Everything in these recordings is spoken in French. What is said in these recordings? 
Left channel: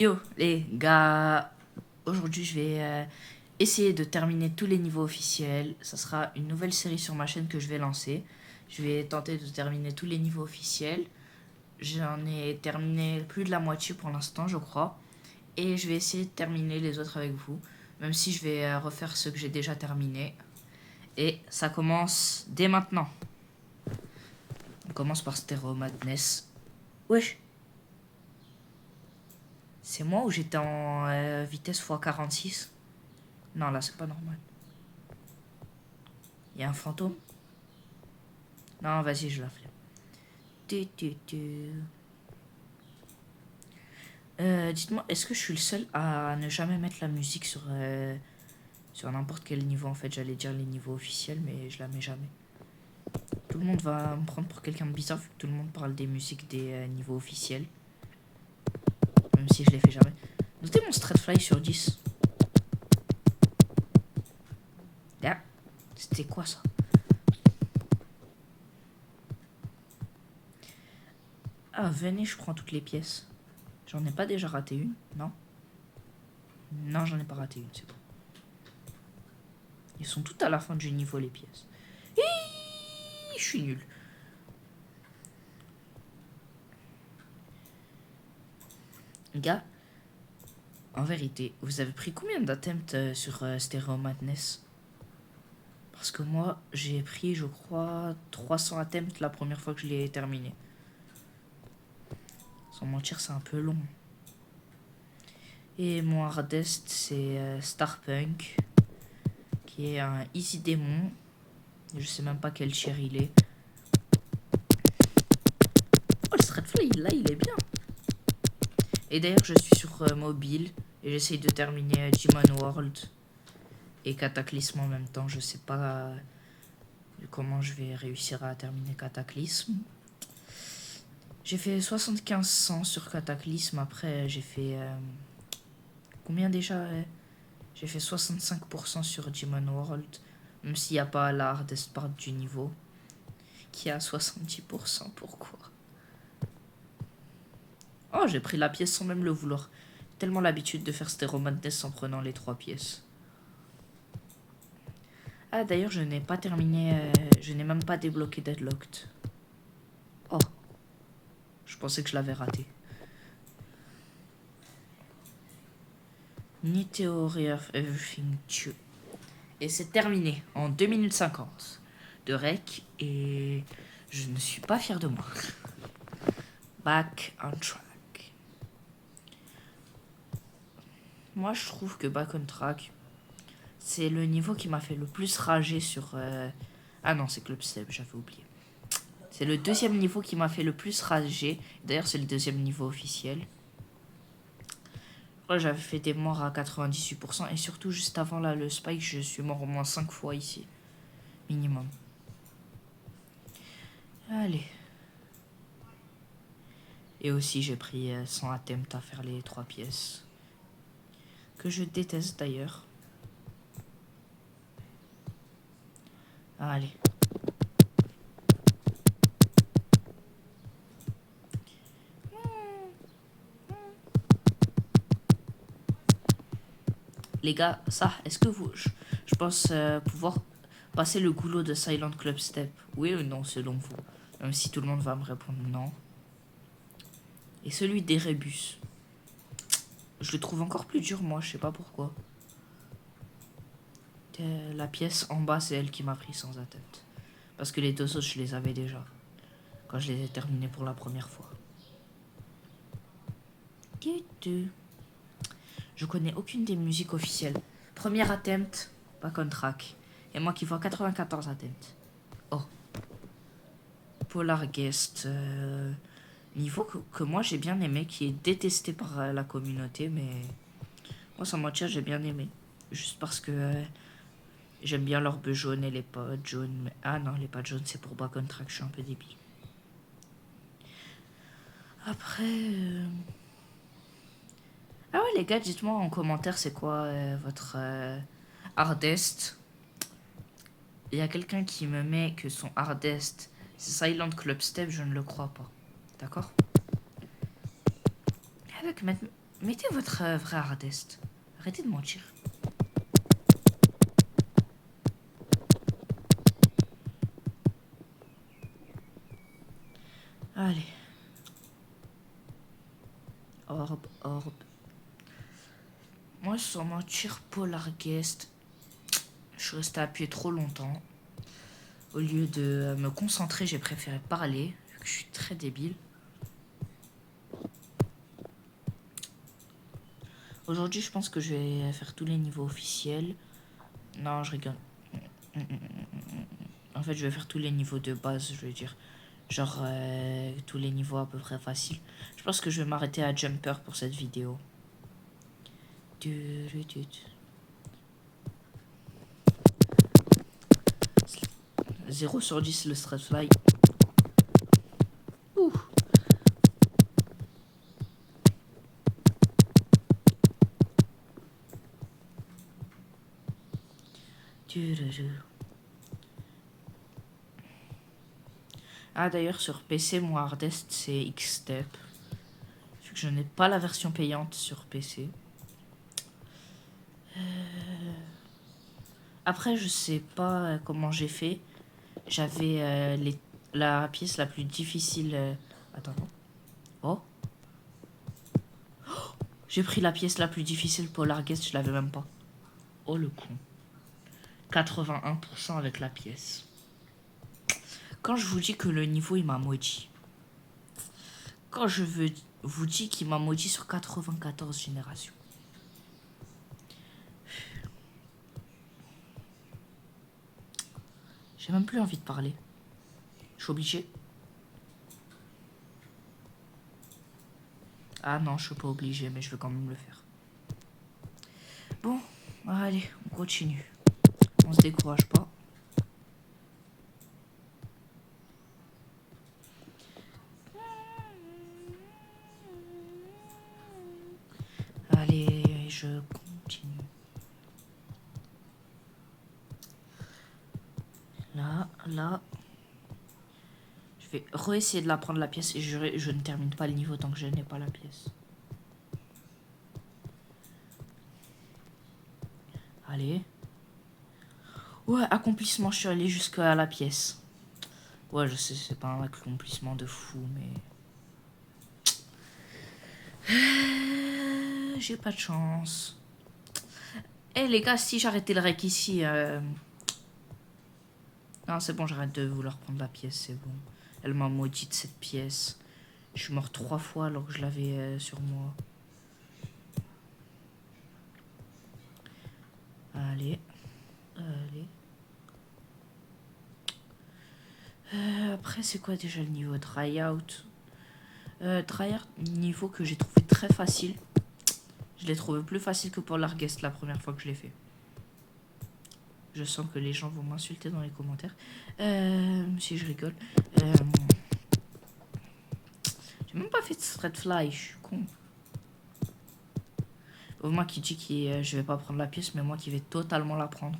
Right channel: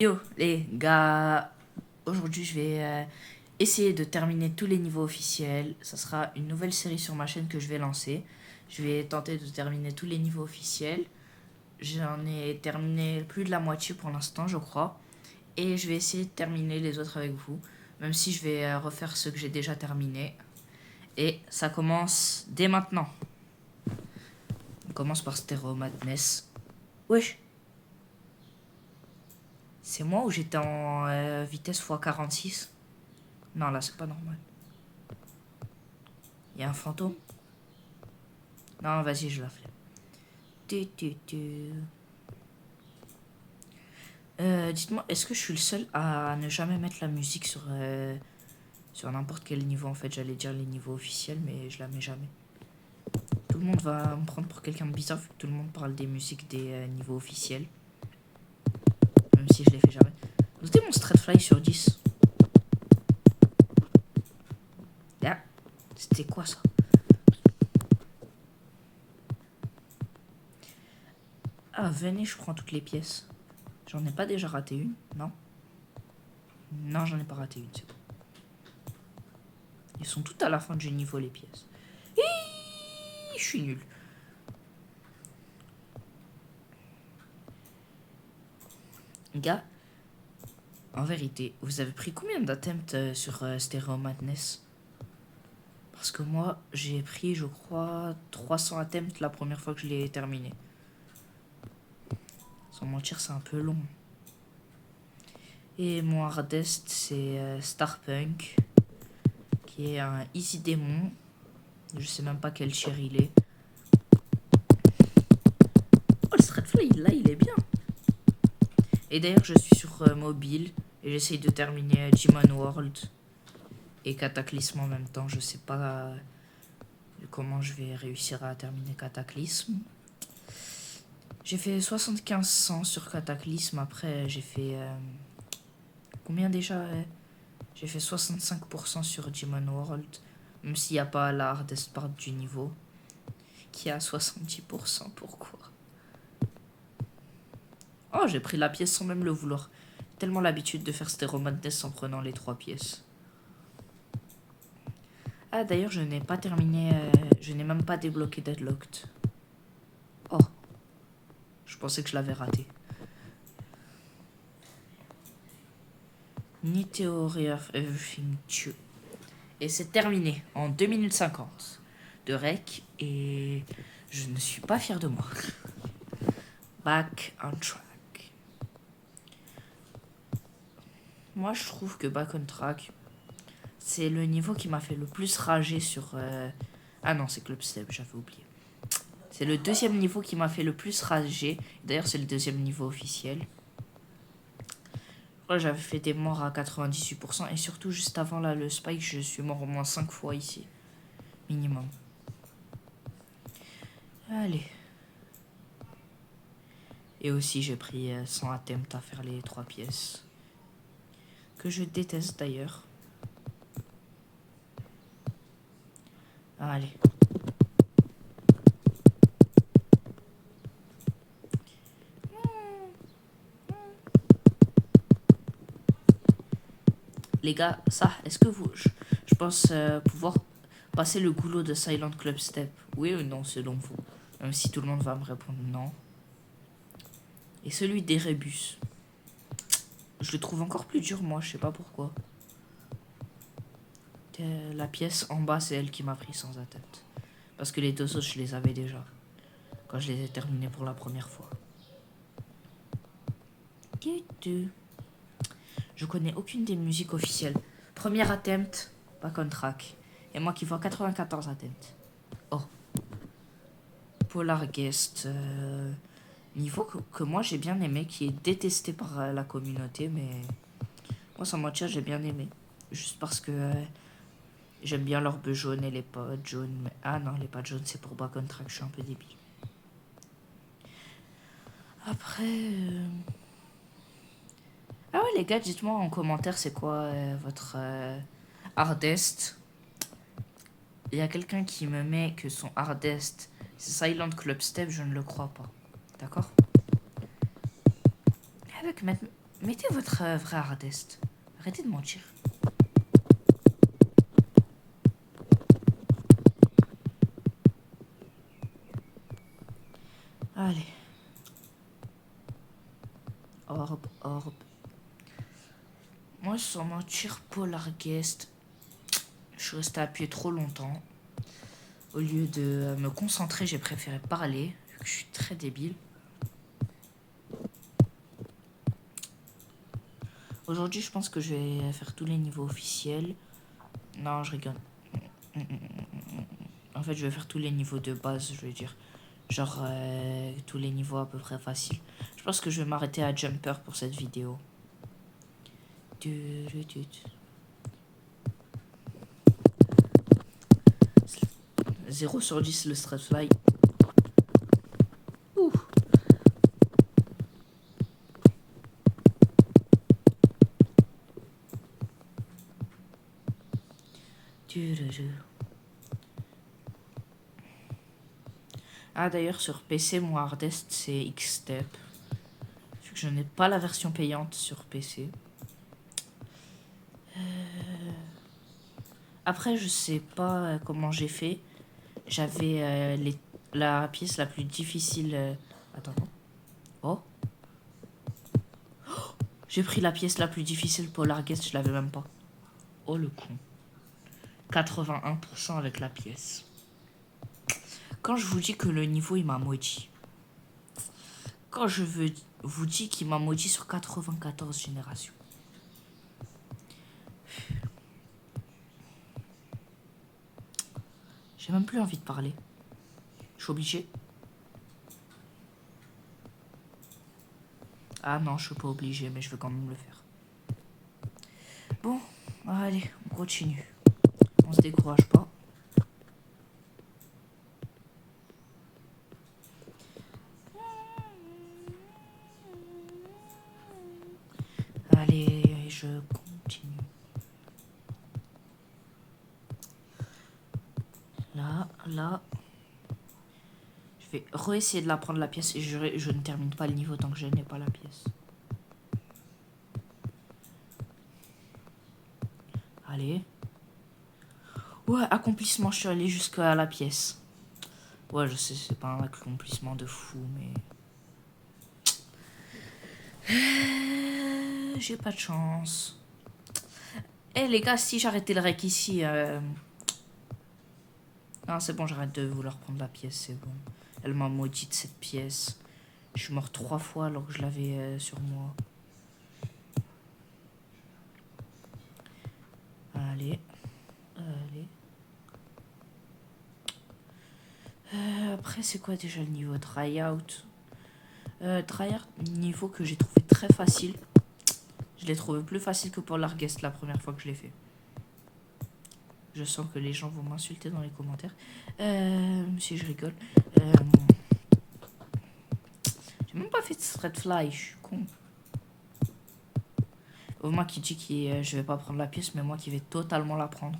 Yo les gars, aujourd'hui je vais essayer de terminer tous les niveaux officiels. Ça sera une nouvelle série sur ma chaîne que je vais lancer. Je vais tenter de terminer tous les niveaux officiels. J'en ai terminé plus de la moitié pour l'instant je crois. Et je vais essayer de terminer les autres avec vous. Même si je vais refaire ceux que j'ai déjà terminés. Et ça commence dès maintenant. On commence par Stereo Madness. Wesh. C'est moi ou j'étais en vitesse x46? Non, là, c'est pas normal. Il y a un fantôme? Non, vas-y, je la flemme. Dites-moi, est-ce que je suis le seul à ne jamais mettre la musique sur n'importe quel niveau? En fait, j'allais dire les niveaux officiels, mais je la mets jamais. Tout le monde va me prendre pour quelqu'un de bizarre vu que tout le monde parle des musiques des niveaux officiels. Même si je les fais jamais. Notez mon straight fly sur 10. Ah, c'était quoi ça? Ah, venez, je prends toutes les pièces. J'en ai pas déjà raté une? Non? Non, j'en ai pas raté une, c'est bon. Ils sont toutes à la fin du niveau, les pièces. Je suis nul. Gars, en vérité, vous avez pris combien d'attempts sur Stereo Madness? Parce que moi, j'ai pris, je crois, 300 attempts la première fois que je l'ai terminé. Sans mentir, c'est un peu long. Et mon hardest, c'est Starpunk, qui est un easy démon. Je sais même pas quel tier il est. Oh, le Straight Fly, là, il est bien. Et d'ailleurs, je suis sur mobile et j'essaye de terminer Demon World et Cataclysme en même temps. Je sais pas comment je vais réussir à terminer Cataclysme. J'ai fait 75-100 sur Cataclysme. Après, j'ai fait... combien déjà? J'ai fait 65% sur Demon World. Même s'il n'y a pas la hardest part du niveau. Qui est à 70%. Pourquoi? Oh, j'ai pris la pièce sans même le vouloir. Tellement l'habitude de faire Stereo Madness en prenant les 3 pièces. Ah, d'ailleurs, je n'ai pas terminé... je n'ai même pas débloqué Deadlocked. Oh. Je pensais que je l'avais raté. Ni Theory of Everything 2. Et c'est terminé en 2 minutes 50 de rec. Et je ne suis pas fier de moi. Back on track. Moi, je trouve que Back on track, c'est le niveau qui m'a fait le plus rager sur... Ah non, c'est Club Step, j'avais oublié. C'est le deuxième niveau qui m'a fait le plus rager. D'ailleurs, c'est le deuxième niveau officiel. J'avais fait des morts à 98%. Et surtout, juste avant là, le spike, je suis mort au moins 5 fois ici. Minimum. Allez. Et aussi, j'ai pris 100 attempts à faire les 3 pièces. Que je déteste d'ailleurs. Allez. Les gars, ça, est-ce que vous... Je pense pouvoir passer le goulot de Silent Club Step. Oui ou non, selon vous? Même si tout le monde va me répondre non. Et celui d'Erebus. Je le trouve encore plus dur, moi, je sais pas pourquoi. La pièce en bas, c'est elle qui m'a pris sans atteinte. Parce que les deux autres, je les avais déjà. Quand je les ai terminés pour la première fois. Je connais aucune des musiques officielles. Premier attempt, Back on track. Et moi qui vois 94 attempts. Oh. Polar Guest. Niveau que moi j'ai bien aimé, qui est détesté par la communauté, mais moi sans mentir j'ai bien aimé. Juste parce que j'aime bien l'orbe jaune et les potes jaunes. Mais... Ah non, les potes jaunes c'est pour Back on track, je suis un peu débile. Après... Ah ouais les gars, dites-moi en commentaire c'est quoi votre hardest. Il y a quelqu'un qui me met que son hardest c'est Silent Club Step, je ne le crois pas. D'accord? Avec Mettez votre vrai hardest. Arrêtez de mentir. Allez. Orbe. Moi, sans mentir, Polarguest, je suis resté appuyé trop longtemps. Au lieu de me concentrer, j'ai préféré parler, vu que je suis très débile. Aujourd'hui, je pense que je vais faire tous les niveaux officiels. Non, je rigole. En fait, je vais faire tous les niveaux de base, je veux dire. Genre, tous les niveaux à peu près faciles. Je pense que je vais m'arrêter à Jumper pour cette vidéo. 0 sur 10 le stress fly. Ouh. Ah d'ailleurs sur PC mon hardest c'est X-Step. Vu que je n'ai pas la version payante sur PC. Après je sais pas comment j'ai fait. J'avais la pièce la plus difficile. Attends. Oh. J'ai pris la pièce la plus difficile pour Larguest, je l'avais même pas. Oh le con. 81% avec la pièce. Quand je vous dis que le niveau il m'a maudit. Quand je vous dis qu'il m'a maudit sur 94 générations. J'ai même plus envie de parler. Je suis obligée. Ah non, je suis pas obligée, mais je veux quand même le faire. Bon, allez, on continue. On se décourage pas. Allez, je continue. Là. Je vais re-essayer de la prendre la pièce et je ne termine pas le niveau tant que je n'ai pas la pièce. Allez. Ouais, accomplissement, je suis allé jusqu'à la pièce. Ouais, je sais, c'est pas un accomplissement de fou, mais... J'ai pas de chance. Eh les gars, si j'arrêtais le rec ici... Non, c'est bon, j'arrête de vouloir prendre la pièce, c'est bon. Elle m'a maudite cette pièce. Je suis mort 3 fois alors que je l'avais sur moi. Allez. Après, c'est quoi déjà le niveau Tryout? Tryout, niveau que j'ai trouvé très facile. Je l'ai trouvé plus facile que pour l'Arguest la première fois que je l'ai fait. Je sens que les gens vont m'insulter dans les commentaires. Si je rigole. J'ai même pas fait de straight fly, je suis con. Moi qui dis que je vais pas prendre la pièce, mais moi qui vais totalement la prendre.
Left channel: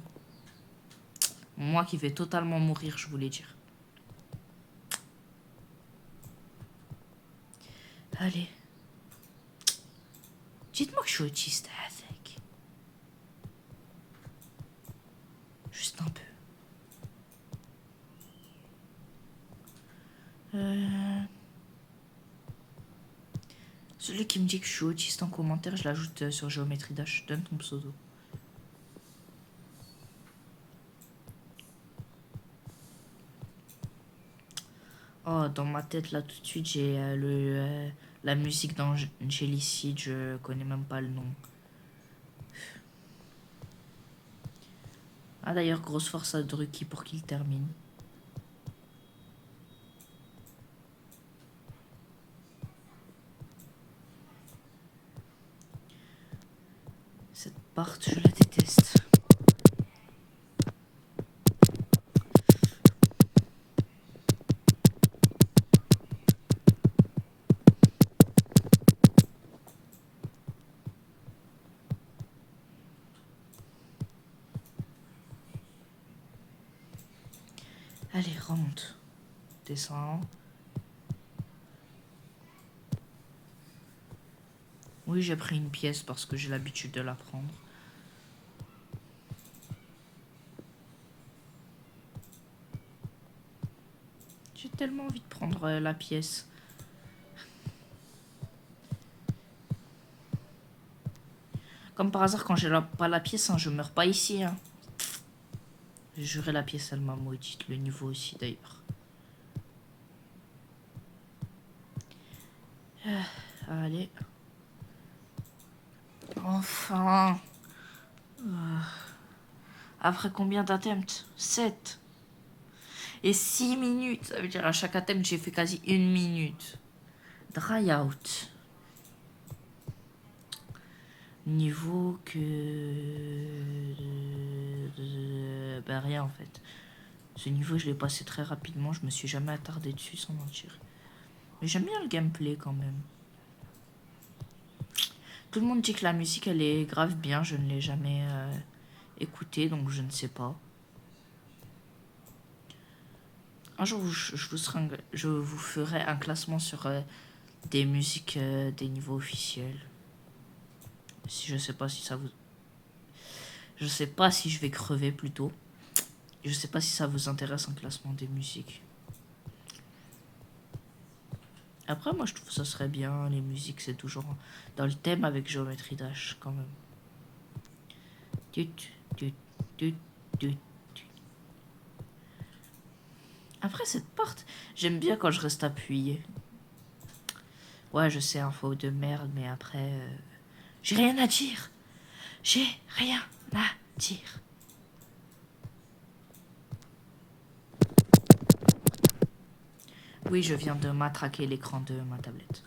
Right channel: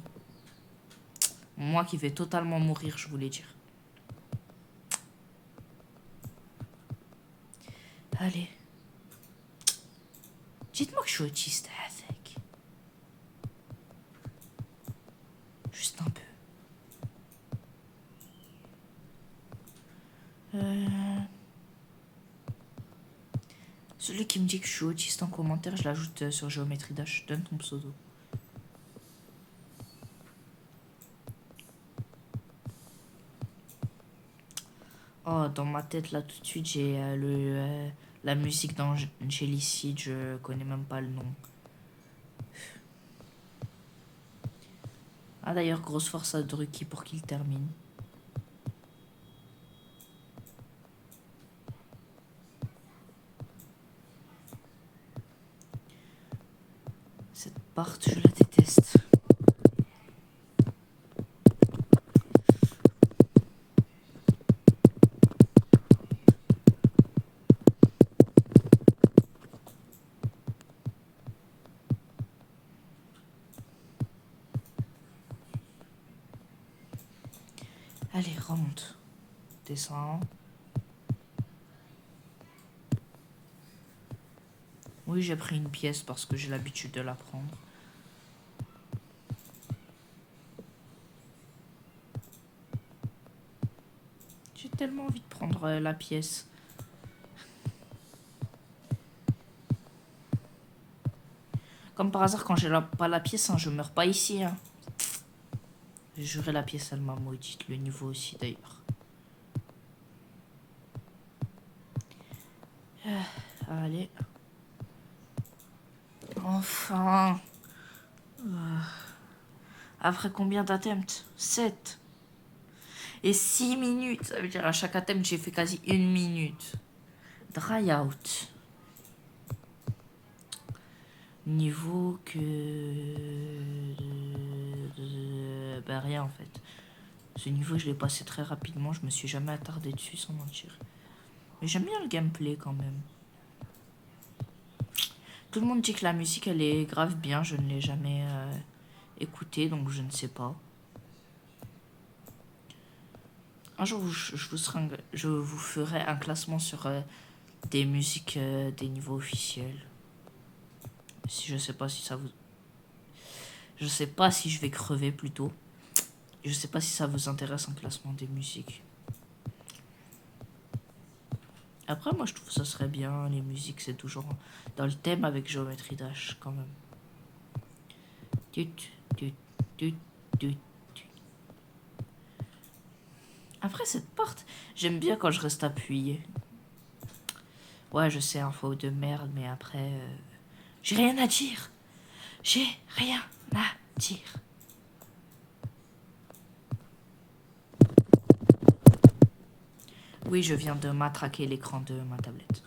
Moi qui vais totalement mourir, je voulais dire. Allez. Dites-moi que je suis autiste, avec. Juste un peu. Celui qui me dit que je suis autiste en commentaire, je l'ajoute sur Géométrie Dash. Donne ton pseudo. Oh, dans ma tête, là, tout de suite, j'ai la musique d'Angelicide. Je connais même pas le nom. Ah, d'ailleurs, grosse force à Drucky pour qu'il termine. Cette part, je la déteste. Allez, remonte. Descends. Oui, j'ai pris une pièce parce que j'ai l'habitude de la prendre. J'ai tellement envie de prendre la pièce. Comme par hasard, quand j'ai pas la pièce, hein, je meurs pas ici. Hein. J'ai juré la pièce, elle m'a maudite. Le niveau aussi, d'ailleurs. Allez. Enfin. Après combien d'attempts? 7. Et 6 minutes. Ça veut dire à chaque attempt, j'ai fait quasi 1 minute. Dry out. Niveau que... Ben rien en fait. Ce niveau, je l'ai passé très rapidement. Je me suis jamais attardé dessus sans mentir. Mais j'aime bien le gameplay quand même. Tout le monde dit que la musique, elle est grave bien. Je ne l'ai jamais écoutée, donc je ne sais pas. Un jour, je vous ferai un classement sur des musiques des niveaux officiels. Si je sais pas si ça vous... Je sais pas si je vais crever plutôt. Je sais pas si ça vous intéresse un classement des musiques. Après, moi, je trouve que ça serait bien. Les musiques, c'est toujours dans le thème avec Geometry Dash, quand même. Après, cette part, j'aime bien quand je reste appuyé. Ouais, je sais, info de merde, mais après... j'ai rien à dire. J'ai rien à dire. Oui, je viens de matraquer l'écran de ma tablette.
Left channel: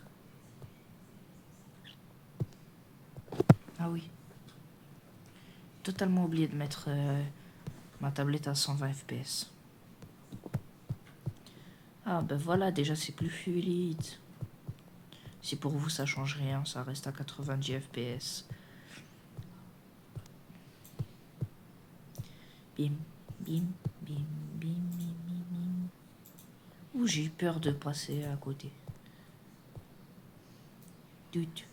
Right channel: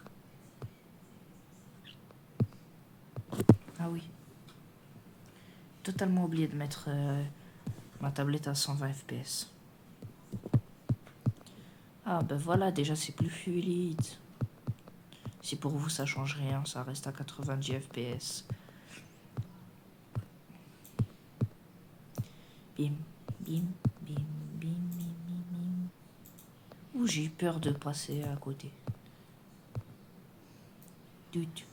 Ah oui. Totalement oublié de mettre ma tablette à 120 fps. Ah ben voilà, déjà c'est plus fluide. Si pour vous ça change rien, ça reste à 90 fps. Bim, bim, bim, bim, bim, bim, bim. Ouh, j'ai eu peur de passer à côté. Dut.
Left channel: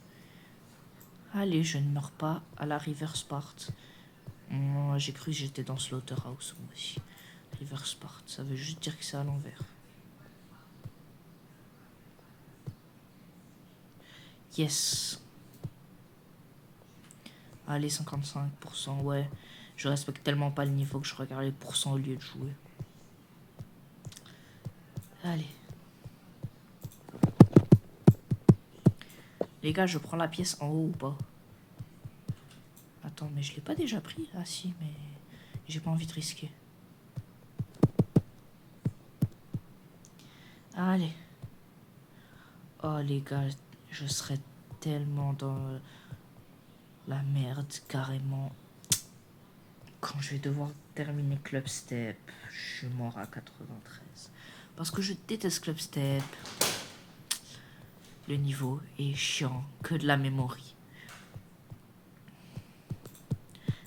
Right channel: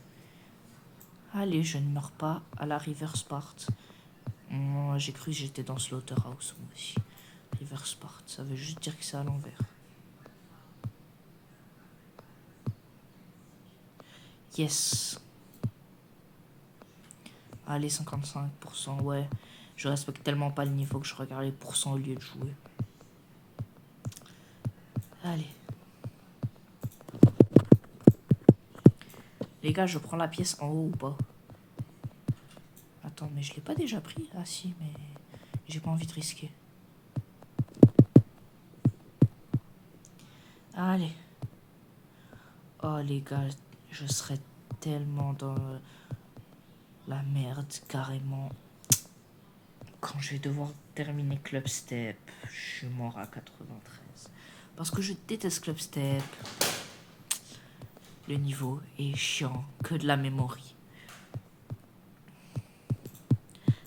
Allez, je ne meurs pas à la reverse part. J'ai cru que j'étais dans Slaughterhouse moi aussi. Reverse part, ça veut juste dire que c'est à l'envers. Yes. Allez, 55%, ouais. Je respecte tellement pas le niveau que je regarde les pourcents au lieu de jouer. Allez. Les gars, je prends la pièce en haut ou pas? Attends, mais je l'ai pas déjà pris? Ah si, mais j'ai pas envie de risquer. Allez. Oh les gars, je serais tellement dans la merde, carrément. Quand je vais devoir terminer Club Step, je suis mort à 93. Parce que je déteste Club Step. Le niveau est chiant, que de la mémoire.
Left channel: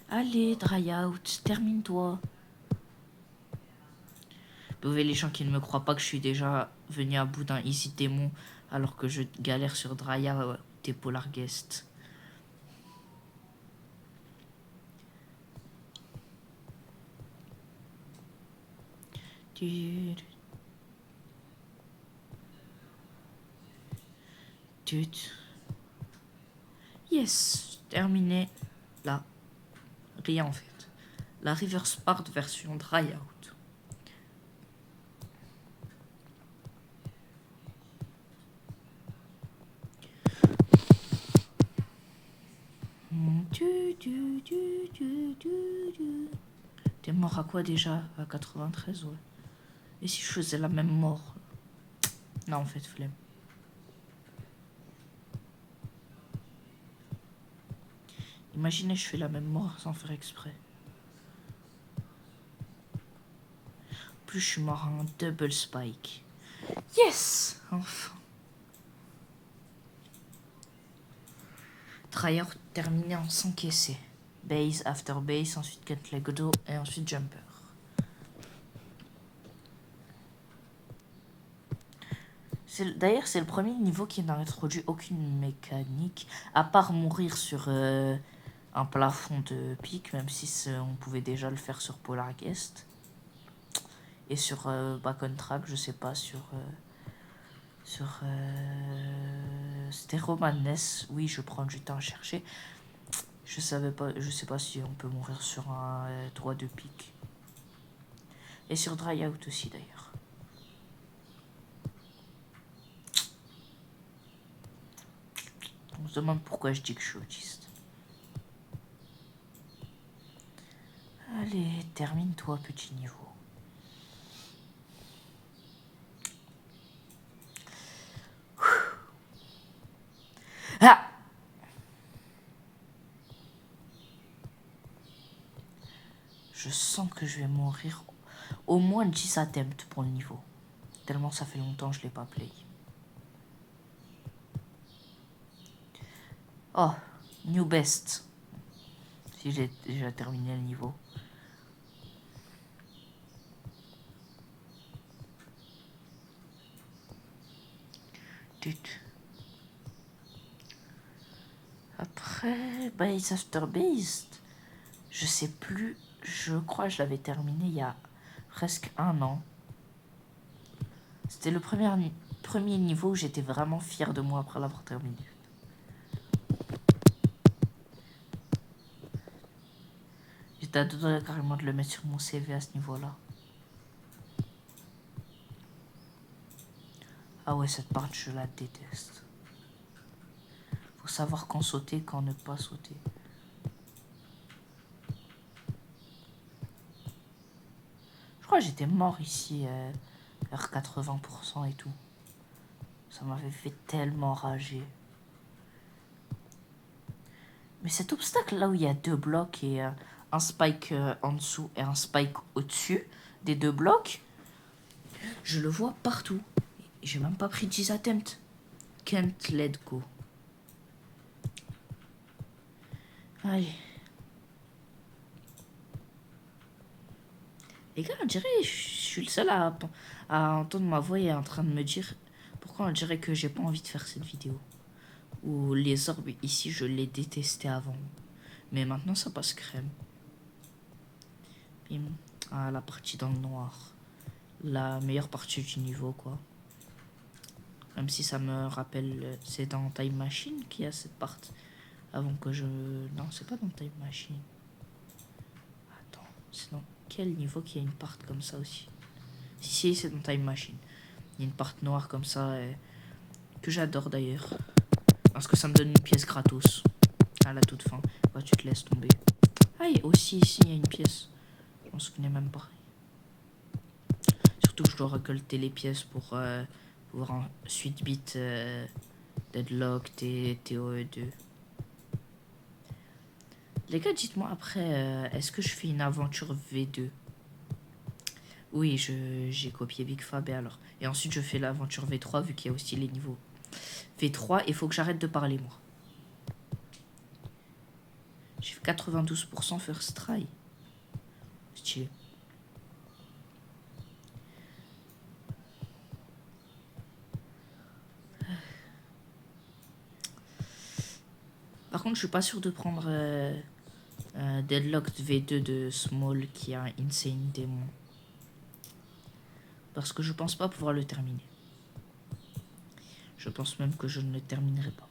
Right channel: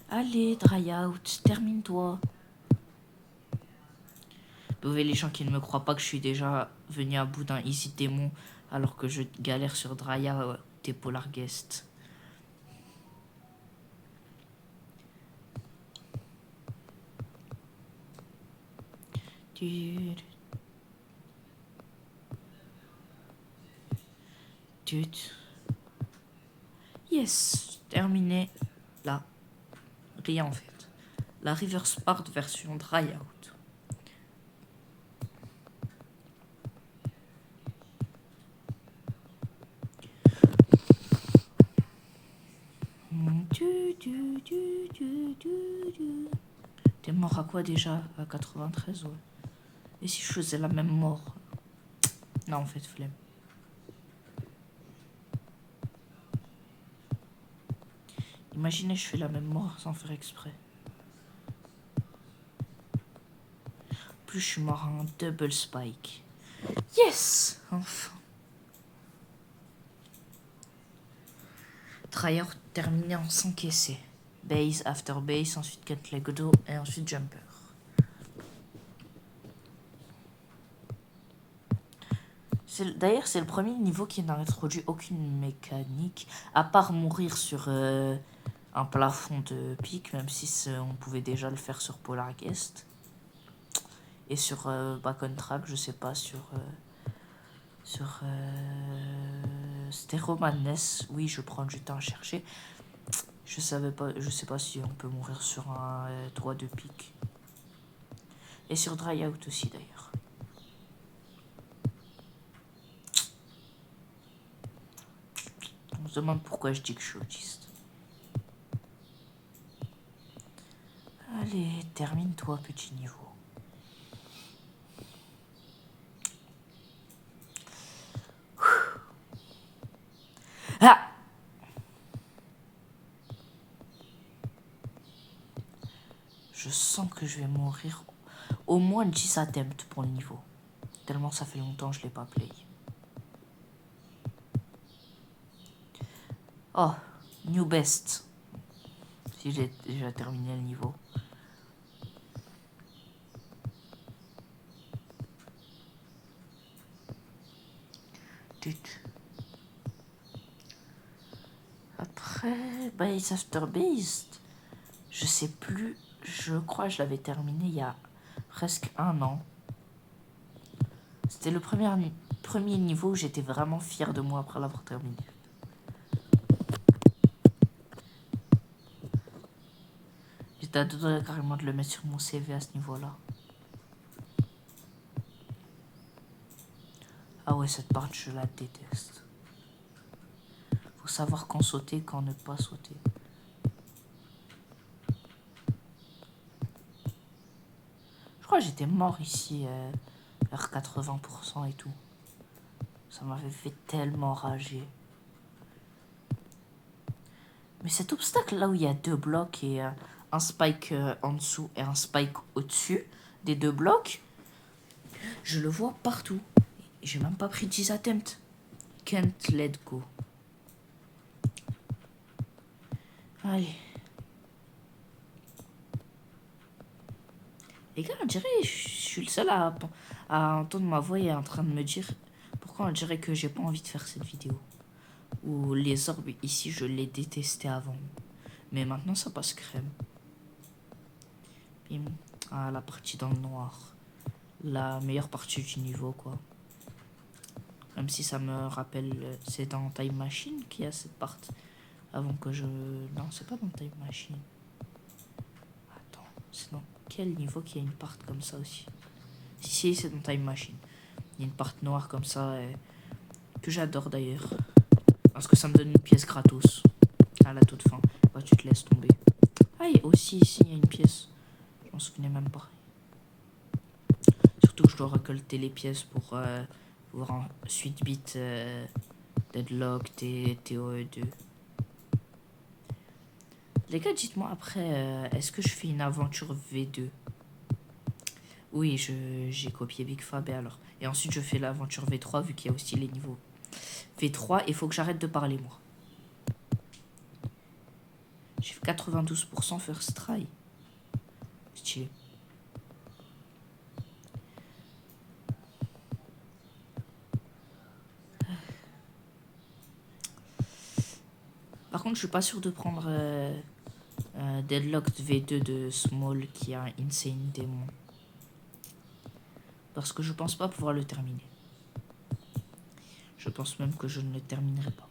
Allez, dry out, termine-toi. Vous voyez les gens qui ne me croient pas que je suis déjà venu à bout d'un Easy Démon alors que je galère sur dry out des Polar Guest. Yes, terminé. Là, rien en fait. La Reverse Part version dry out. T'es mort à quoi déjà? À 93, ouais. Et si je faisais la même mort? Non, en fait, flemme. Imaginez, je fais la même mort sans faire exprès. En plus, je suis mort en double spike. Yes! Enfin. Tryhard terminé en 5 essais. Base after base, ensuite cut leg do et ensuite jumper. D'ailleurs, c'est le premier niveau qui n'a introduit aucune mécanique, à part mourir sur un plafond de pic, même si on pouvait déjà le faire sur Polar Guest. Et sur Back on Track, je sais pas, c'était Roman Ness. Oui, je prends du temps à chercher. Je sais pas si on peut mourir sur un toit de pic. Et sur Dry Out aussi d'ailleurs. On se demande pourquoi je dis que je suis autiste. Allez, termine-toi, petit niveau. Ah! Je sens que je vais mourir au moins 10 attempts pour le niveau. Tellement ça fait longtemps que je l'ai pas play. Oh, new best. Si j'ai déjà terminé le niveau. Après, Base After Beast, je sais plus. Je crois que je l'avais terminé il y a presque 1 an. C'était le premier niveau où j'étais vraiment fier de moi après l'avoir terminé. J'étais à deux doigts carrément de le mettre sur mon CV à ce niveau-là. Ah ouais, cette part, je la déteste. Faut savoir quand sauter, quand ne pas sauter. Je crois que j'étais mort ici vers 80% et tout. Ça m'avait fait tellement rager. Mais cet obstacle là où il y a 2 blocs et un spike en dessous et un spike au-dessus des 2 blocs, je le vois partout. J'ai même pas pris 10 attempts. Can't let go. Allez. Les gars, on dirait je suis le seul à entendre ma voix et en train de me dire pourquoi on dirait que j'ai pas envie de faire cette vidéo. Ou les orbes ici, je les détestais avant. Mais maintenant, ça passe crème. Bim. Ah, la partie dans le noir. La meilleure partie du niveau, quoi. Même si ça me rappelle... C'est dans Time Machine qu'il y a cette partie. Avant que je... Non, c'est pas dans Time Machine. Attends, c'est dans quel niveau qu'il y a une part comme ça aussi? Si, c'est dans Time Machine. Il y a une part noire comme ça, que j'adore d'ailleurs. Parce que ça me donne une pièce gratos. À la toute fin. Bah, tu te laisses tomber. Ah, et aussi ici, il y a une pièce. Je m'en souvenais même pas. Surtout que je dois récolter les pièces pour pouvoir ensuite beat Deadlock, TOE2. Les gars, dites-moi après, est-ce que je fais une aventure V2? Oui, j'ai copié Big Fab et alors. Et ensuite, je fais l'aventure V3 vu qu'il y a aussi les niveaux. V3, il faut que j'arrête de parler, moi. J'ai fait 92% first try. Stylé. Par contre, je suis pas sûr de prendre Deadlocked V2 de Small qui a un Insane Démon. Parce que je pense pas pouvoir le terminer. Je pense même que je ne le terminerai pas.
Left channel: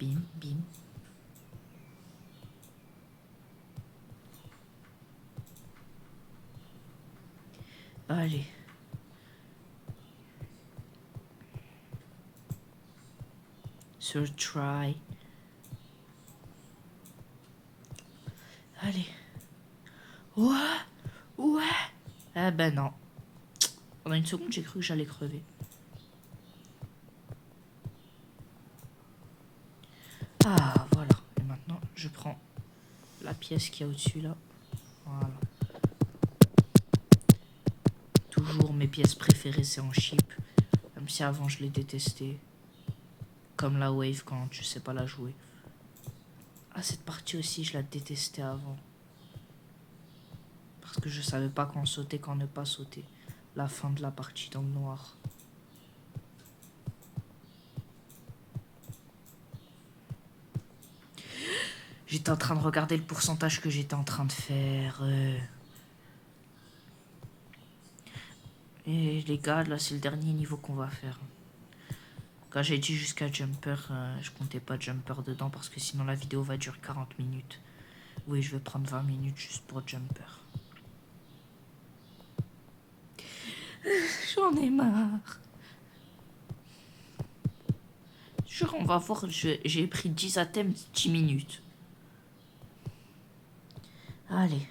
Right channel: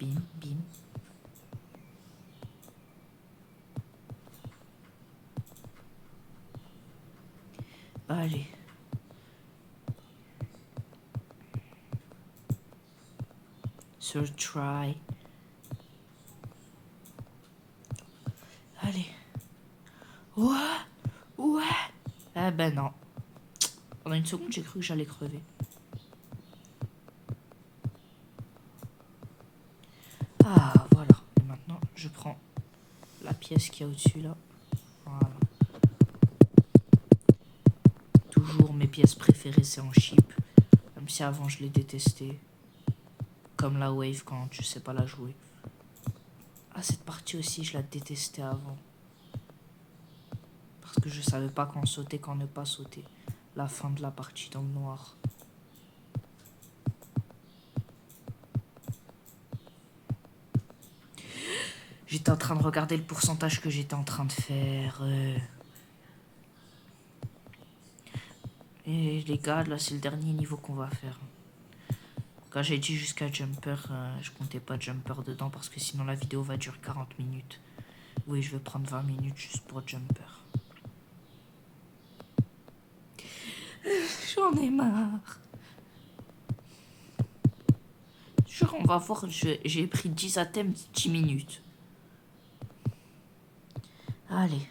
Bim, bim. Allez. Third try. Allez. Ouais. Ouais. Ah ben non. Pendant une seconde, j'ai cru que j'allais crever. Ah, voilà. Et maintenant, je prends la pièce qu'il y a au-dessus, là. Voilà. Toujours mes pièces préférées, c'est en chip. Même si avant, je les détestais. Comme la wave quand tu sais pas la jouer. Ah, cette partie aussi, je la détestais avant. Parce que je savais pas quand sauter, quand ne pas sauter. la fin de la partie dans le noir. J'étais en train de regarder le pourcentage que j'étais en train de faire. Et les gars, là, c'est le dernier niveau qu'on va faire. Quand j'ai dit jusqu'à Jumper, je comptais pas Jumper dedans parce que sinon la vidéo va durer 40 minutes. Oui, je vais prendre 20 minutes juste pour Jumper. J'en ai marre. Jure, on va voir, j'ai pris 10 items, 10 minutes. Allez.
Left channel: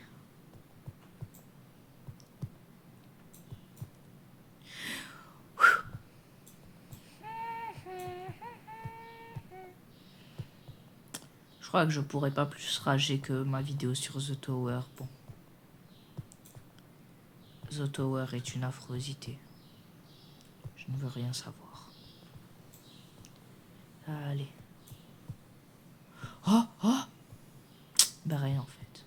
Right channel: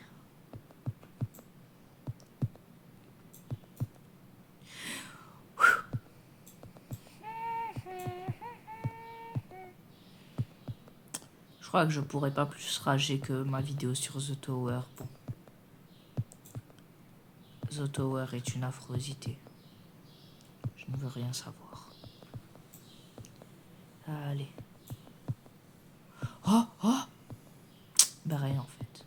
Je crois que je pourrais pas plus rager que ma vidéo sur The Tower. Bon. The Tower est une affrosité. Je ne veux rien savoir. Allez. Oh, oh. Ben rien en fait.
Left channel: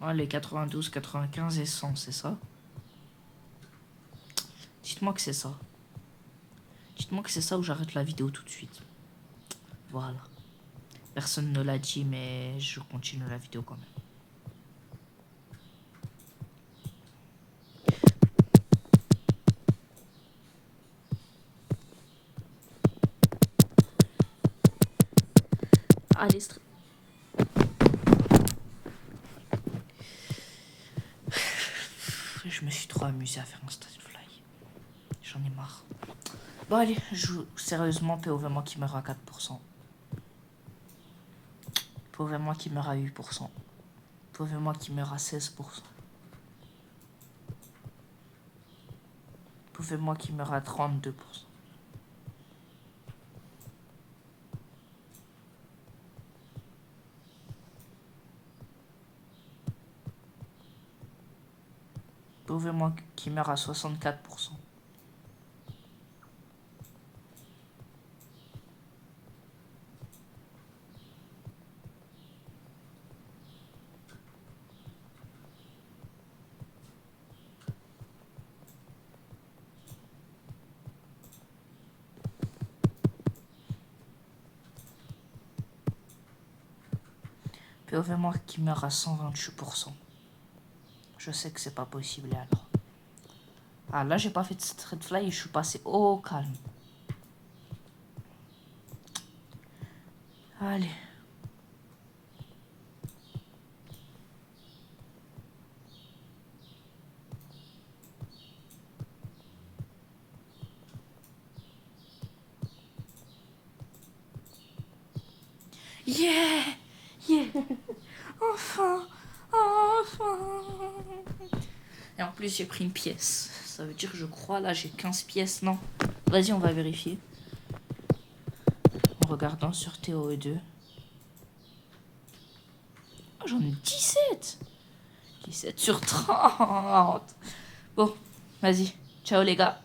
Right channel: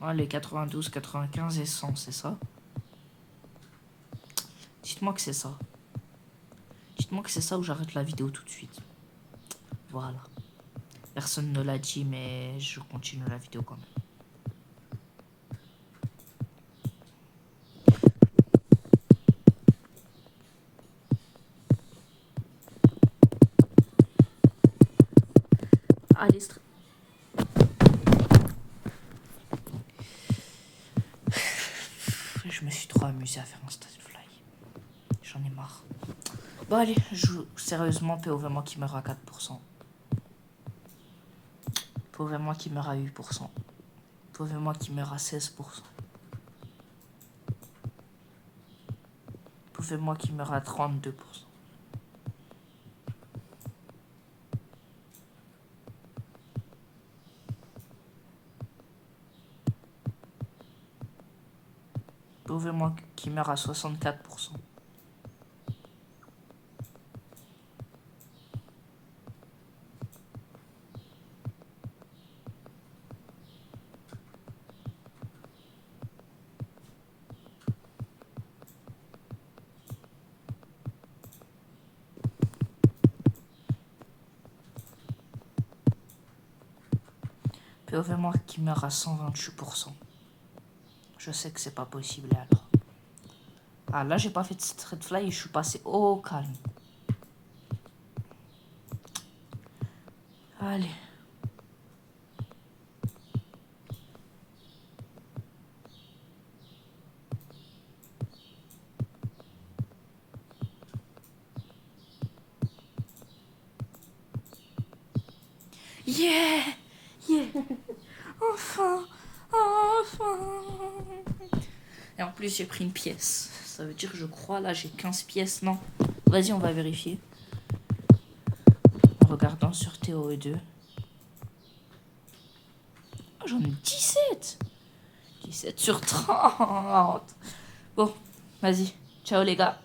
Allez, 92, 95 et 100, c'est ça? Dites-moi que c'est ça. Dites-moi que c'est ça ou j'arrête la vidéo tout de suite. Voilà. Personne ne l'a dit, mais je continue la vidéo quand même. Allez, je me suis trop amusé à faire un Stade Fly. J'en ai marre. Bon allez, je joue sérieusement POV moi qui meurt à 4%. POV moi qui meurt à 8%. POV moi qui meurt à 16%. POV moi qui meurt à 32%. POV moi qui meurt à 64%. POV moi qui meurt à 128%. Je sais que c'est pas possible et alors. Ah là j'ai pas fait de straight fly et je suis passé au calme. Allez. Yeah! Yeah! Enfin! Enfin! Et en plus, j'ai pris une pièce. Ça veut dire, je crois, là, j'ai 15 pièces. Non. Vas-y, on va vérifier. En regardant sur TOE2. Oh, j'en ai 17! 17 sur 30! Bon, vas-y. Ciao, les gars.